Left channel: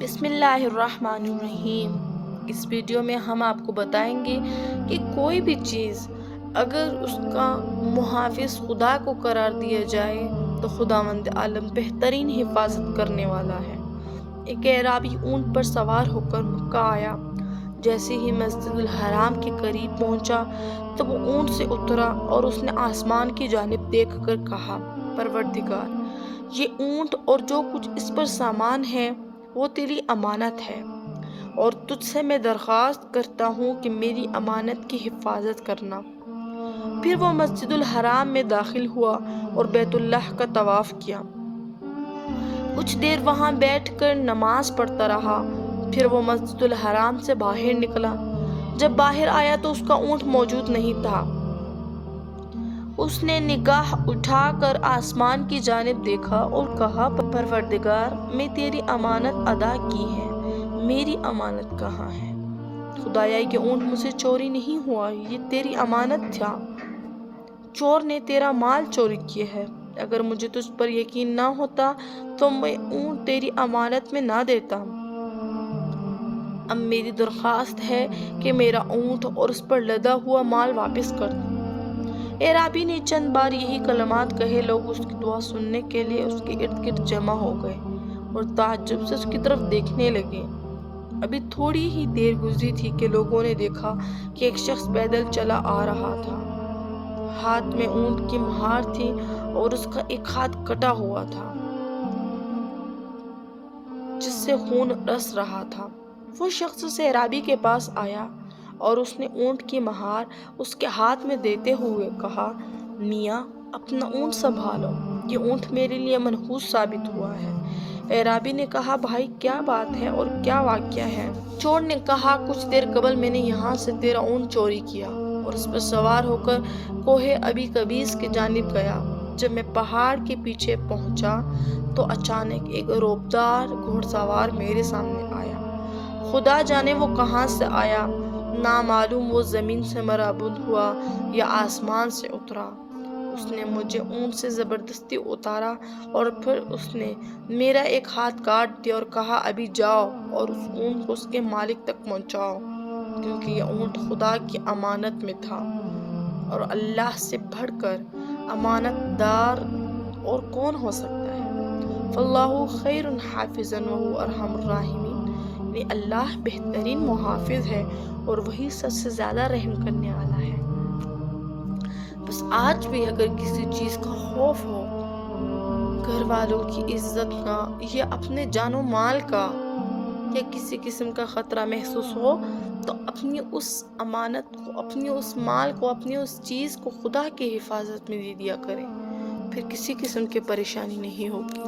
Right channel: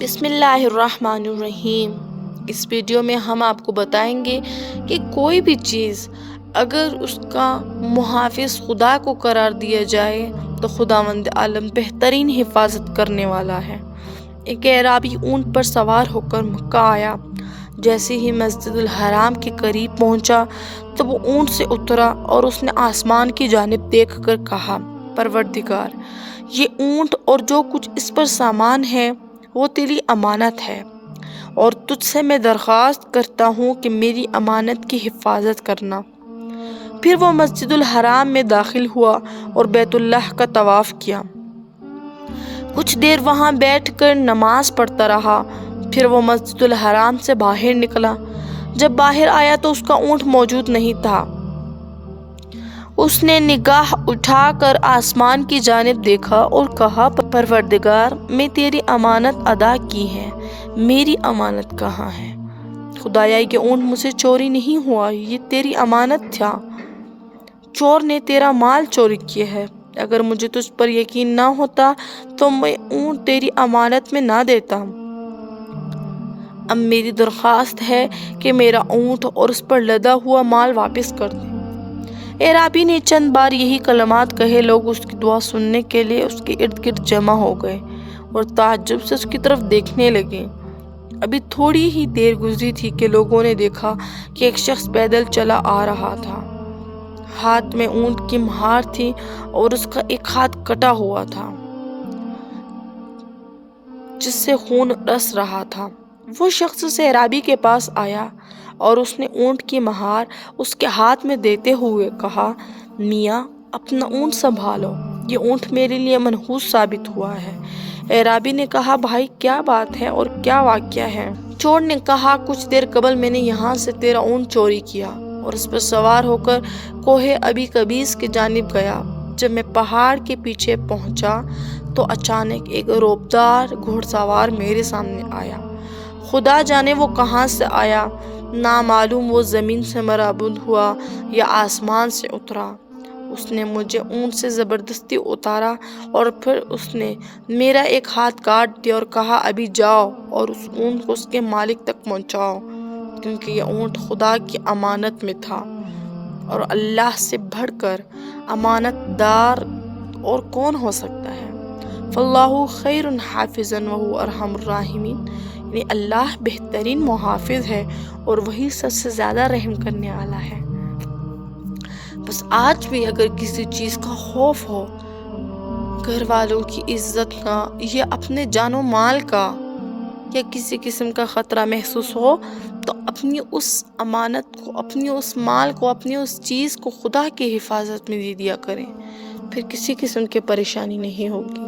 بسم اللہ الرحمن الرحیم۔ اس ویڈیو میں ہم آپ کو بتائیں گے کہ کوئی بھی چیز اگر اس کا محافظ خدا کو قرار دیا جائے تو خداوند عالم بہترین حفاظت کرنے والا ہے۔ ایک اعرابی اونٹ پر سوار ہو کر مکہ آیا۔ جیسے ہی مسجد الحرام کے قریب پہنچا تو وہ اونٹ سے اترا اور اس نے آسمان کی جانب دیکھ کر کہا، پروردگار، یہ اونٹ اور جو کچھ اس پر سامان ہے وہ تیری امانت ہے، اور تجھ سے میں درخواست کرتا ہوں کہ میری امانت کی حفاظت کرنا۔ پھر وہ مسجد الحرام میں داخل ہوا اور بیت اللہ کا طواف کیا۔ کچھ دیر وہاں بیٹھ کر نماز پڑھتا رہا۔ پھر وہ مسجد الحرام سے باہر نکلا۔ جب باہر آیا تو اس کا اونٹ موجود نہیں تھا۔ اس نے نگاہ اٹھا کر آسمان کی جانب دیکھا اور کہا، پروردگار، میں تیری امانت ادا کی ہے، میری امانت کہاں ہے؟ خدایا، یہ اونٹ مجھ سے چوری نہیں ہوا، یہ تیری امانت تھا۔ چور نے تیرا مال چوری کیا ہے۔ اگر مجھے تجھ پر یقین نہ ہوتا تو میں اونٹ تیری امانت میں نہ دیتا۔ اب میری درخواست ہے کہ میرا اونٹ اور اس پر لدا ہوا مال واپس کر دے۔ اعرابی نے چند بار یہی کلمات کہے۔ لوگ اس کی دعا سننے کے لیے اس کے ارد گرد جمع ہو گئے اور تعجب سے اس کی طرف دیکھنے لگے۔ ابھی تھوڑی ہی دیر گزری تھی کہ لوگوں نے دیکھا کہ ایک شخص پیدل چلا آ رہا تھا۔ ہاتھ میں اونٹ کی مہار تھی اور اس کا ایک ہاتھ کٹا ہوا تھا جس سے خون رس رہا تھا۔ وہ شخص اس اعرابی کے پاس آیا اور اس نے اونٹ کی مہار اس کے ہاتھ میں دیتے ہوئے کہا، میاں، اپنا اونٹ سنبھالو، یہ اونٹ میرے لیے منحوس ثابت ہوا ہے۔ اعرابی نے کہا، بھائی، کیا بات ہے اور کیا واقعہ ہے؟ چور نے کہا، کچھ دیر قبل میں نے یہاں سے تیرا اونٹ چوری کیا اور اس پر سوار ہو کر کوہ ابی قبیس کی جانب گیا۔ جب میں پہاڑ کے پیچھے پہنچا تو اچانک ایک روبدار گھوڑ سوار میرے سامنے آیا۔ خدا جانے وہ کہاں سے آیا، نامعلوم وہ زمین سے مربوط ہوا یا آسمان سے اترا۔ اس نے مجھے اونٹ سے زبردستی اتارا اور پھر اس نے میرا ایک ہاتھ کاٹ دیا اور کہا، ابھی جاؤ اور اس اونٹ کو اس کے مالک تک پہنچاؤ، کیونکہ یہ اونٹ خدا کی امانت میں تھا، اور اللہ سے بڑھ کر امانت دار اور کون ہو سکتا ہے؟ فاللہ خیر حافظا وہو ارحم الراحمین، یعنی اللہ بہترین محافظ ہے اور وہی سب سے زیادہ رحم کرنے والا ہے۔ بس آج بھی اگر کسی چیز کا خوف ہو، گھر والوں کی عزت کا یا اپنے جان و مال کا، یا کسی قسم کا خطرہ محسوس ہو، تو اپنی اس امانت کو، اپنی اس مال کو، اپنی اس چیز کو خدا کی حفاظت میں دے دیا کریں، پھر کسی قسم کی پریشانی نہیں ہوگی۔